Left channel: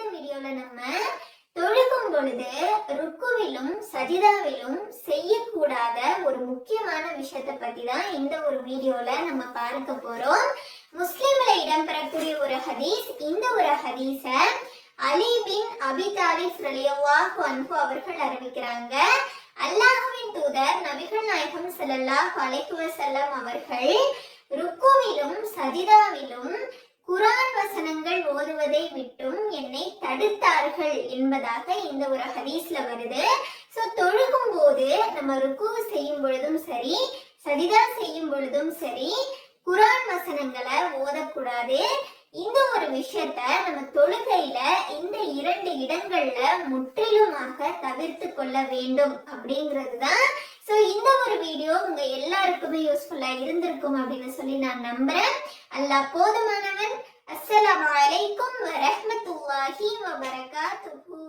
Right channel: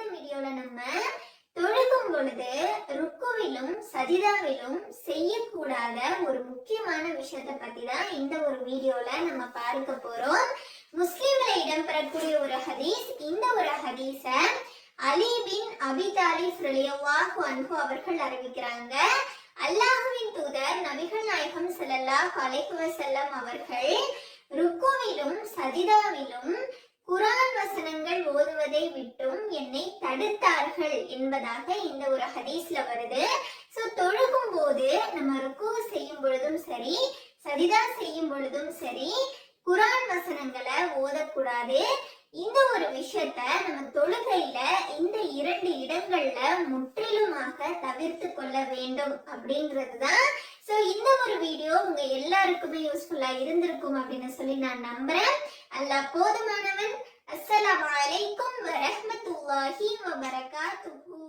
இந்த வீடியோல நம்ம தொழுகும் பொழுது ருக்குவிலும் சஜிதாவிலும் செய்யக்கூடாத ஒரு முக்கியமான விஷயத்தை பத்தி தான் இந்த ஒரு வீடியோல நம்ம பார்க்க போறோம். முஸ்லிம்ல இடம்பெறக்கூடிய ஒரு ஹதீஸ் இந்த ஒரு ஹதீஸ அலி பின் அபி தாலிப் ரலியல்லாஹு அன்ஹு அவர்கள் அறிவிக்கிறாங்க. அல்லாஹுவின் தூதர் நபிகள் நாயகம் ஸல்லல்லாஹு அலைஹி வஸல்லம் அவர்கள் ருக்குவிலும் சஜிதாவிலும் குரான் வசனங்கள் ஓதுவதை விட்டு என்னை தடுத்தார்கள் என்பதாக இந்த ஒரு ஹதீஸ்ல வருது. சோ தொழுகும் போது நம்ம ருக்கு செய்யும் பொழுதும் சரி சஜிதா செய்யும் பொழுதும் சரி குரான் வசனங்களை ஓதக்கூடாது. இந்த ஒரு விஷயத்த நம்ம தொழுகையில இந்த இரண்டு இடங்கள்ல முற்றிலுமாக தவிர்த்து கொள்ள வேண்டும் அப்படிங்கிறது தான் ஸோ இந்த ஒரு வீடியோ உங்க எல்லாருக்குமே யூஸ்ஃபுல்லா இருந்திருக்கும் அப்படின்னு சொல்லி நான் நம்புறேன். அல்ல போதுமானவன் warahmatullahi wabarakatuh.